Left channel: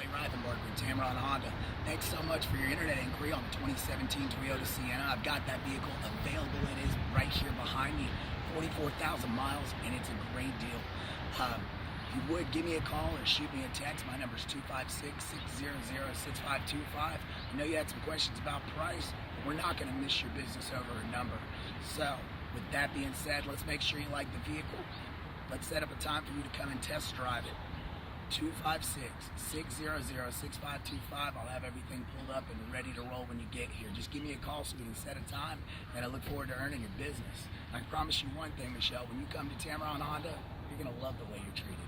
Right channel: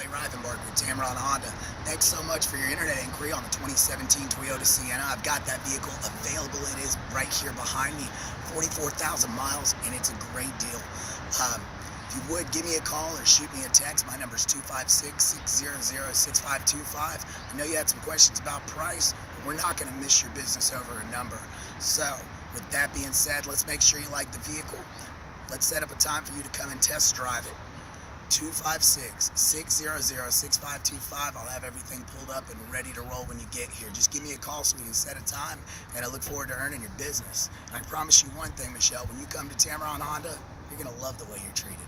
Rivenbark with Tameron Honda. Thanks so much for your internet inquiry on the 2017 Toyota Sienna. I've got that vehicle available. It is right here behind me, 44,000 miles, and it's a great deal. If you would, give me a call or shoot me a text. My number is 256-600-6525. I know you had some questions about price, but we're not going to miss your business over a number. So, with that being said, let's make sure you like the vehicle. Let's set up a time for you to come and test drive it. 256-600-6525. I'll have everything pulled up and ready to roll when you get here. Just give me a call so we can set a time, and I look forward to earning your business. And I promise you one thing, Michelle, when you come to Tameron Honda, you're going to love the way you're treated.